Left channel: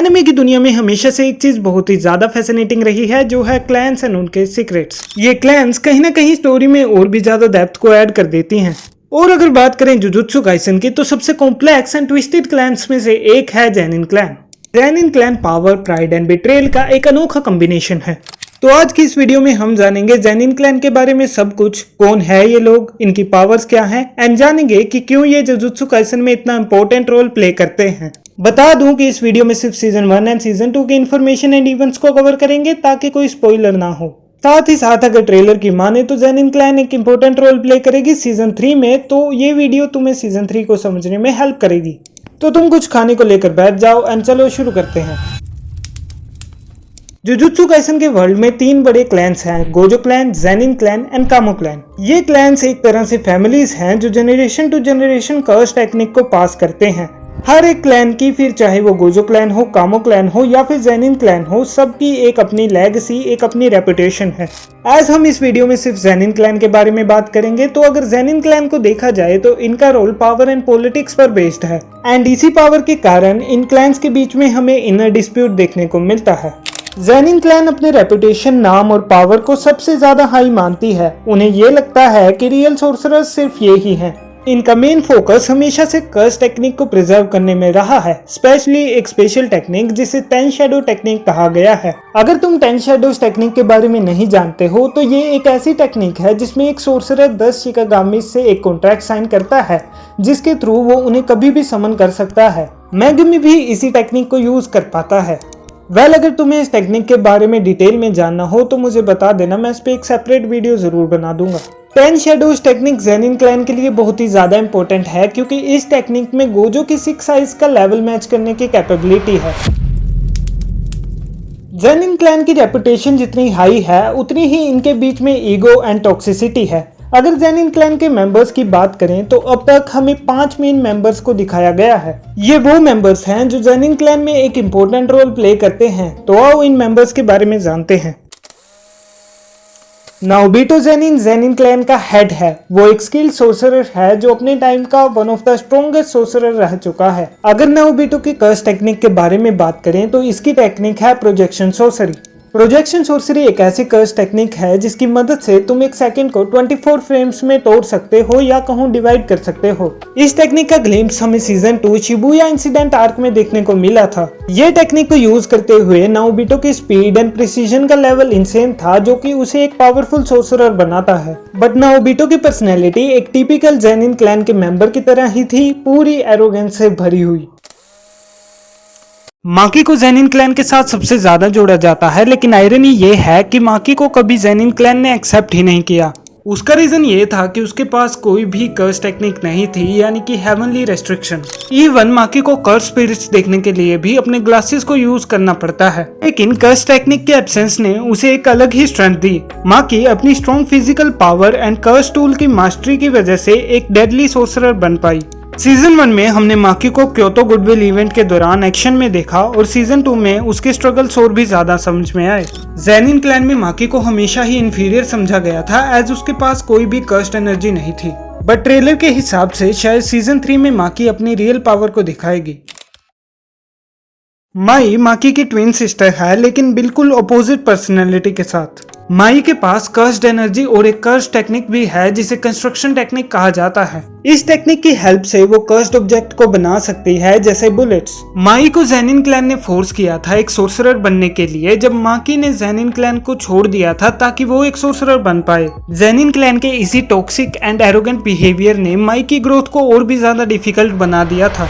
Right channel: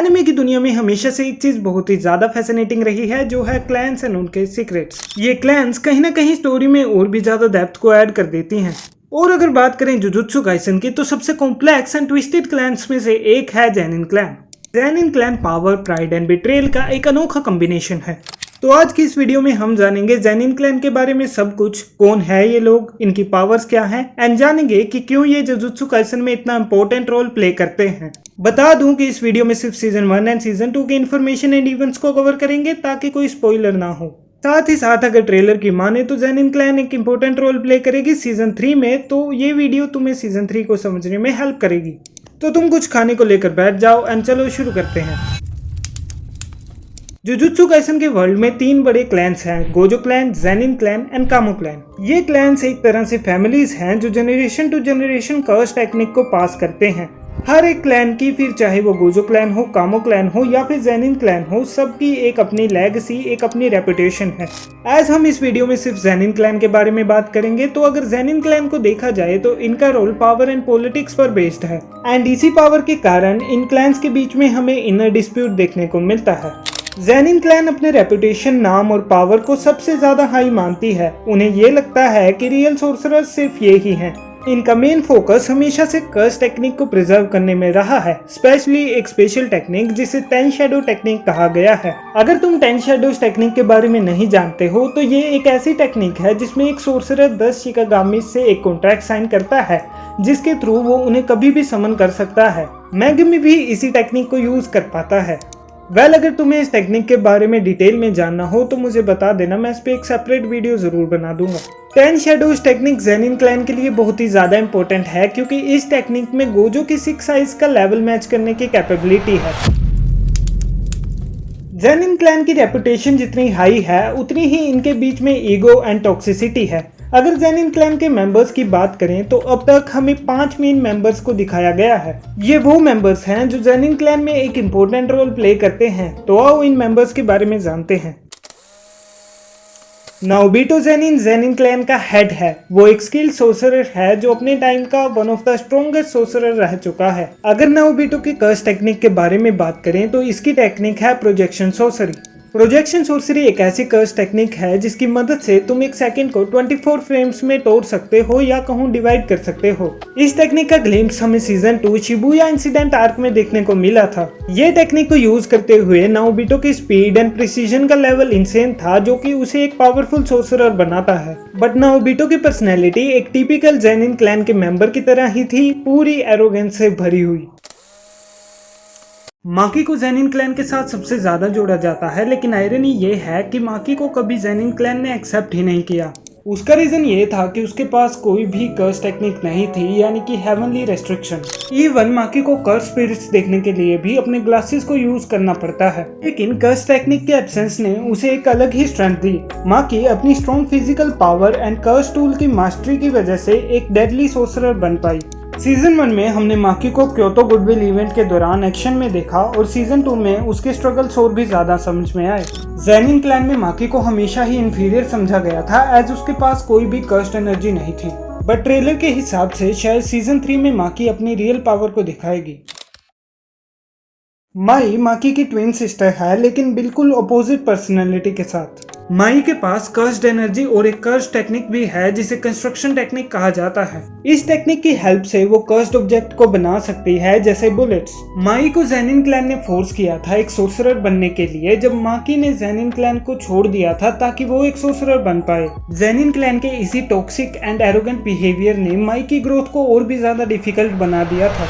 Anime की दुनिया में हमेशा से एक चीज बहुत ही ज्यादा फैसिनेटिंग रही है, जो है क्लैंस एंड उनके सीक्रेट्स। ये क्लैंस कहीं ना कहीं स्टोरी में और भी ज्यादा डेप्थ को ऐड कर देती हैं। और अगर बात करें जुजुत्सु काइसन की, तो सबसे कॉम्प्लेक्स एंड ट्विस्टेड क्लैंस में से एक है Zenin clan. Zenin clan power, pride and betrayal का एक अनोखा कॉम्बिनेशन है। तो आज की इस वीडियो में हम जानेंगे जेनिन क्लैन के बारे में सब कुछ, कौन है ये लोग, इनकी पावर्स क्या हैं, एंड जानेंगे कि क्यों ये जुजुत्सु काइसन में इतना इंपॉर्टेंट रोल प्ले करते हैं। बता दूं कि इस वीडियो में सिर्फ सीजन 1 एंड सीजन 2 की इन्फॉर्मेशन एंड इवेंट्स को कवर करेंगे ताकि कोई स्पॉइलर ना हो। साथ ही साथ अगर ट्रेलर की माने तो जेनिन क्लैन एक इंपॉर्टेंट रोल प्ले करेगी सीजन 3 में, तो ये वीडियो तुम्हें सीजन 3 को समझने में हेल्प करेगी। तो तुम कुछ खाने को लेकर बैठ जाओ एंड चलो शुरू करते हैं। जुजुत्सु काइसन के वर्ल्ड में 3 बड़े क्लैंस हैं, Gojo clan, Zenin clan and Kamo clan. ये क्लैंस एक तरह से फैमिलीज हैं जो generation to generation curse technique को पास करते हैं। हर एक क्लैन की, फिर चाहे वो गोजो क्लैन हो, कामो क्लैन हो या फिर जेनिन क्लैन हो, सबकी एक अपनी लेगेसी, एक अपनी रेपुटेशन है। आज हम इस वीडियो में सिर्फ जेनिन क्लैन के बारे में बात करेंगे। तो अगर जेनिन क्लैन को देखा जाए तो इनका रोल पावर एंड पॉलिटिक्स पर बेस्ड है, एंड इसी पावर के कारण इन क्लैंस के बीच में हमें इनर डिस्प्यूट देखने को मिलता है। जेनिन क्लैन अपने रेपुटेशन, नाम और पावर को सबसे ज्यादा हाई मानती है। उन्हें ये लगता है कि रियल सोर्सरर्स सिर्फ ये ही हैं। इनका मेन फोकस हमेशा से कर्स टेक्निक को प्रिजर्व करने में रहा है, स्पेशली एक स्पेशल टेक्निक जिसे 10 शैडो टेक्निक कहा गया है। अगर तुम 10 शैडोज टेक्निक के बारे में नहीं जानते हो तो ये एक ऐसी टेक्निक है जिसमें एक सोर्सरर 10 शिकागामी से एक कॉन्ट्रैक्ट साइन करता है, जिसके थ्रू वो उन्हें कभी भी समन कर सकता है। मेगमी भी इसी टेक्निक को यूज कर पाता है। अगर तुम्हें इस टेक्निक के बारे में डिटेल में जानना हो तो मुझे बता देना, मैं इस पे एक सेपरेट वीडियो जरूर बना दूंगा। 10 शैडोज टेक्निक जेनिन क्लैन के लिए बहुत ही ज्यादा इंपॉर्टेंट है, क्योंकि इस टेक्निक में गोजो की 6 साइज का लेवल मैच करने की कैपेबिलिटी है। जेनिन क्लैन की रेपुटेशन जितनी हाई है उतनी ही इनके बीच में ईगो एंड टॉक्सिसिटी है। अगर जेनिन क्लैन के मेंबर्स की बात करें तो अब तक हमें 5 मेन मेंबर्स को दिखाया गया है। ये वो मेंबर्स हैं जो जेनिन क्लैन में एक इम्पोर्टेंट रोल प्ले करते हैं। तो आओ इन मेंबर्स के बारे में जानते हैं। नाओबिटो जेनिन क्लैन का हेड है। वो एक स्किल्ड सोर्सरर है जो अपने टाइम का one of the strongest sorcerer रह चुका है। अगर नाओबिटो की कर्स टेक्निक के बारे में बात करें तो इसकी टेक्निक है प्रोजेक्शन सोर्सरी। प्रोजेक्शन सोर्सरी एक ऐसी कर्स टेक्निक है जिसकी मदद से तुम एक सेकंड को 24 फ्रेम्स में तोड़ सकते हो या कहूँ डिवाइड कर सकते हो। इस टेक्निक का ग्लिम्स हमें सीजन 2 शिबुया इंसिडेंट आर्क में देखने को मिला था। ये टेक्निक को यूज करते हुए नाओबिटो की स्पीड एंड प्रिसीजन का लेवल इंसेन था, जो कि उसे एक पावरफुल सोर्सरर बनाता है। बट नाओबिटो की पर्सनैलिटी एक टिपिकल जेनिन क्लैन के मेंबर की तरह ही थी, पूरी एरोगेंस से भरी हुई। माकी को जेनिन क्लैन के साथ सबसे ज्यादा जोड़ा जाता है, लेकिन आयरनी ये है कि माकी को कभी जेनिन क्लैन ने एक्सेप्ट ही नहीं किया। उसका रीजन ये था कि उसके पास कोई भी कर्स टेक्निक नहीं थी, यानी कि हेवनली रेस्ट्रिक्शन। इवन माकी को कर्स स्पिरिट्स देखने के लिए भी अपने ग्लासेस को यूज करना पड़ता है। लेकिन कर्स टेक्निक के एब्सेंस ने उसे एक अलग ही स्ट्रेंथ दी। माकी अपनी strong physical power and curse tool की मास्टरी की वजह से एक डेडली सोर्सरर बन पाई। सीजन 1 में हमने माकी को क्योतो गुडविल इवेंट के दौरान एक्शन में देखा, और सीजन 2 में उसके स्ट्रगल्स और भी ज्यादा समझ में आए। जेनिन क्लैन में माकी को हमेशा ही इंफीरियर समझा गया था, एज उसके पास कोई भी कर्स्ड एनर्जी नहीं थी। बट ट्रेलर के हिसाब से शायद सीजन 3 में माकी अपनी रियल पावर को दिखाएगी। माई माकी की ट्विन सिस्टर है, लेकिन बिल्कुल अपोजिट पर्सनैलिटी के साथ। माई के पास कर्स्ड एनर्जी और एक कर्स्ड टेक्निक भी है जिसे कंस्ट्रक्शन टेक्निक कहा जाता है। इस टेक्निक की हेल्प से वो कर्स्ड ऑब्जेक्ट को बना सकती है, जैसे बुलेट्स। माई को जेनिन क्लैन ने फोर्स किया था एक सोर्सरर बनने के लिए, जब माकी ने जेनिन क्लैन को छोड़ दिया था ताकि वो एक सोर्सरर बन पाए। जेनिन क्लैन के इसी टॉक्सिक एंड एरोगेंट बिहेवियर ने माई की ग्रोथ को और भी ज्यादा डिफिकल्ट बना दिया था।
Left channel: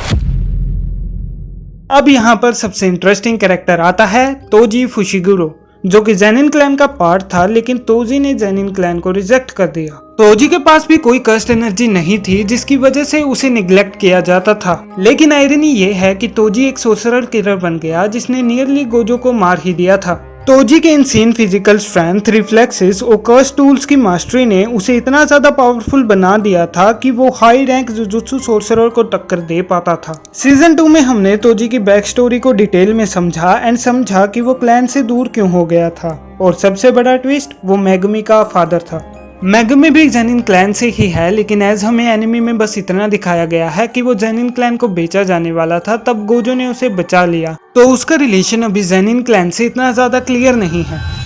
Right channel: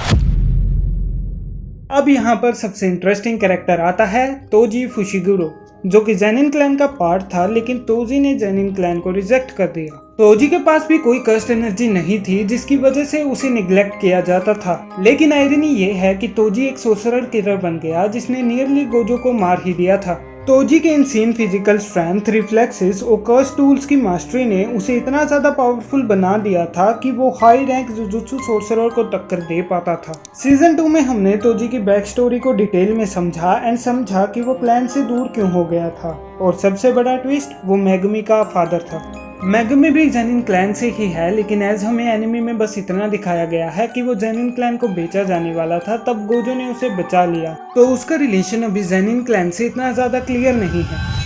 अब यहाँ पर सबसे इंटरेस्टिंग कैरेक्टर आता है तोजी फुशिगुरो, जो कि जेनिन क्लैन का पार्ट था, लेकिन तोजी ने जेनिन क्लैन को रिजेक्ट कर दिया। तोजी के पास भी कोई कर्स्ड एनर्जी नहीं थी, जिसकी वजह से उसे निग्लेक्ट किया जाता था। लेकिन आयरनी ये है कि तोजी एक सोर्सरर किलर बन गया जिसने नियरली गोजो को मार ही दिया था। तोजी के इनसेन फिजिकल स्ट्रेंथ, रिफ्लेक्सेस और कर्स टूल्स की मास्टरी ने उसे इतना ज्यादा पावरफुल बना दिया था कि वो हाई रैंक जुजुत्सु सोर्सरर को टक्कर दे पाता था। सीजन 2 में हमने तोजी की बैक स्टोरी को डिटेल में समझा कि वो क्लैन से दूर क्यों हो गया था, और सबसे बड़ा ट्विस्ट वो मेगमी का फादर था। मेगुमी भी जेनिन क्लैन से ही है, लेकिन एज हमें एनिमे में बस इतना दिखाया गया है कि वो जेनिन क्लैन को बेचा जाने वाला था, तब गोजो ने उसे बचा लिया। तो उसका रिलेशन अभी जेनिन क्लैन से इतना ज्यादा क्लियर नहीं है।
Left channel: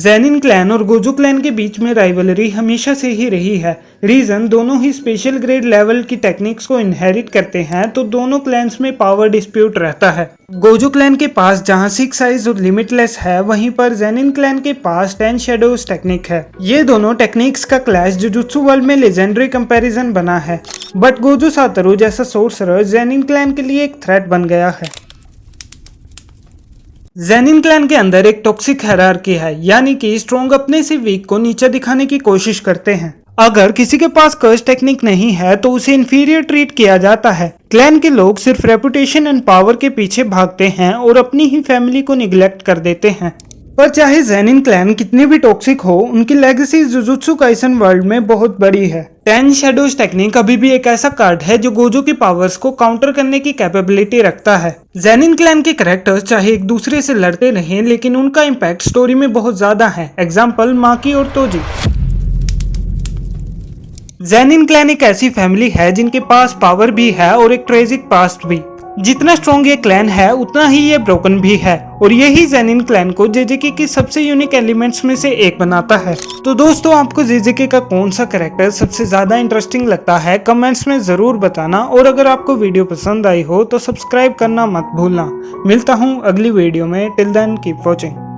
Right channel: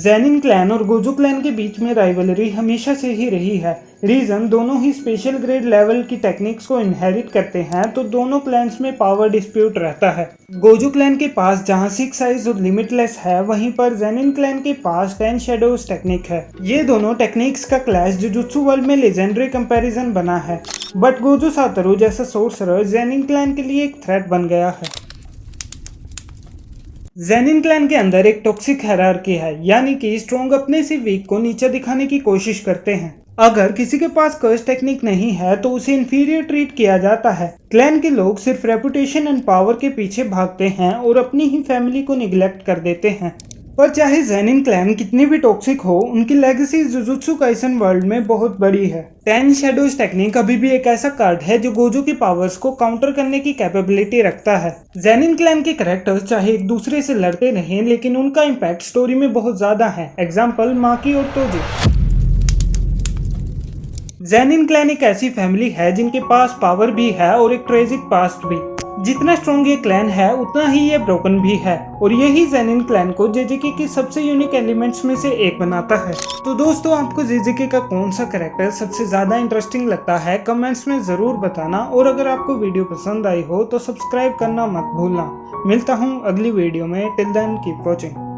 जेनिन क्लैन और गोजो क्लैन के बीच में राइवलरी हमेशा से ही रही है। रीजन, दोनों ही स्पेशल ग्रेड लेवल की टेक्निक्स को इनहेरिट करते हैं, तो दोनों क्लैन्स में पावर डिस्प्यूट रहता है। गोजो क्लैन के पास जहां 6 आइज और लिमिटलेस है, वहीं पर जेनिन क्लैन के पास 10 शैडोज टेक्निक है। ये दोनों टेक्निक्स का क्लैश जुजुत्सु वर्ल्ड में लेजेंडरी कंपैरिजन बना है, बट गोजो सातोरु जैसा सोर्सरर जेनिन क्लैन के लिए एक थ्रेट बन गया है। जेनिन क्लैन के अंदर एक टॉक्सिक हायरार्की है, यानी कि स्ट्रॉन्ग अपने से वीक को नीचा दिखाने की कोशिश करते हैं। अगर किसी के पास कर्स टेक्निक नहीं है तो उसे इंफीरियर ट्रीट किया जाता है। क्लैन के लोग सिर्फ रेपुटेशन एंड पावर के पीछे भागते हैं और अपनी ही फैमिली को निग्लेक्ट कर देते हैं। पर चाहे जेनिन क्लैन कितनी भी टॉक्सिक हो, उनकी लेगेसी जुजुत्सु काइसन वर्ल्ड में बहुत बड़ी है। 10 शैडोज टेक्निक अभी भी एक ऐसा कार्ड है जो गोजो की पावर्स को काउंटर करने की कैपेबिलिटी रखता है। जेनिन क्लैन के कैरेक्टर्स चाहे एक दूसरे से लड़ते रहें, लेकिन उनका इम्पैक्ट स्टोरी में बहुत ज्यादा है। एग्जाम्पल माकी और तोजी। जेनिन क्लैन एक ऐसी फैमिली है जिनके पास पावर भी है और एक ट्रेजिक पास्ट भी। जितना स्ट्रॉन्ग ये क्लैन है, उतना ही ये ब्रोकन भी है, और यही जेनिन क्लैन को जेजेके की सबसे यूनिक एलिमेंट्स में से एक बनाता है। तो दोस्तों, आपको जेजेके का कौन सा कैरेक्टर सबसे ज्यादा इंटरेस्टिंग लगता है, कमेंट्स में जरूर बताना। और अगर आपको वीडियो पसंद आई हो तो सब्सक्राइब करना मत भूलना। मिलता हूँ अगली वीडियो में। Till then keep watching.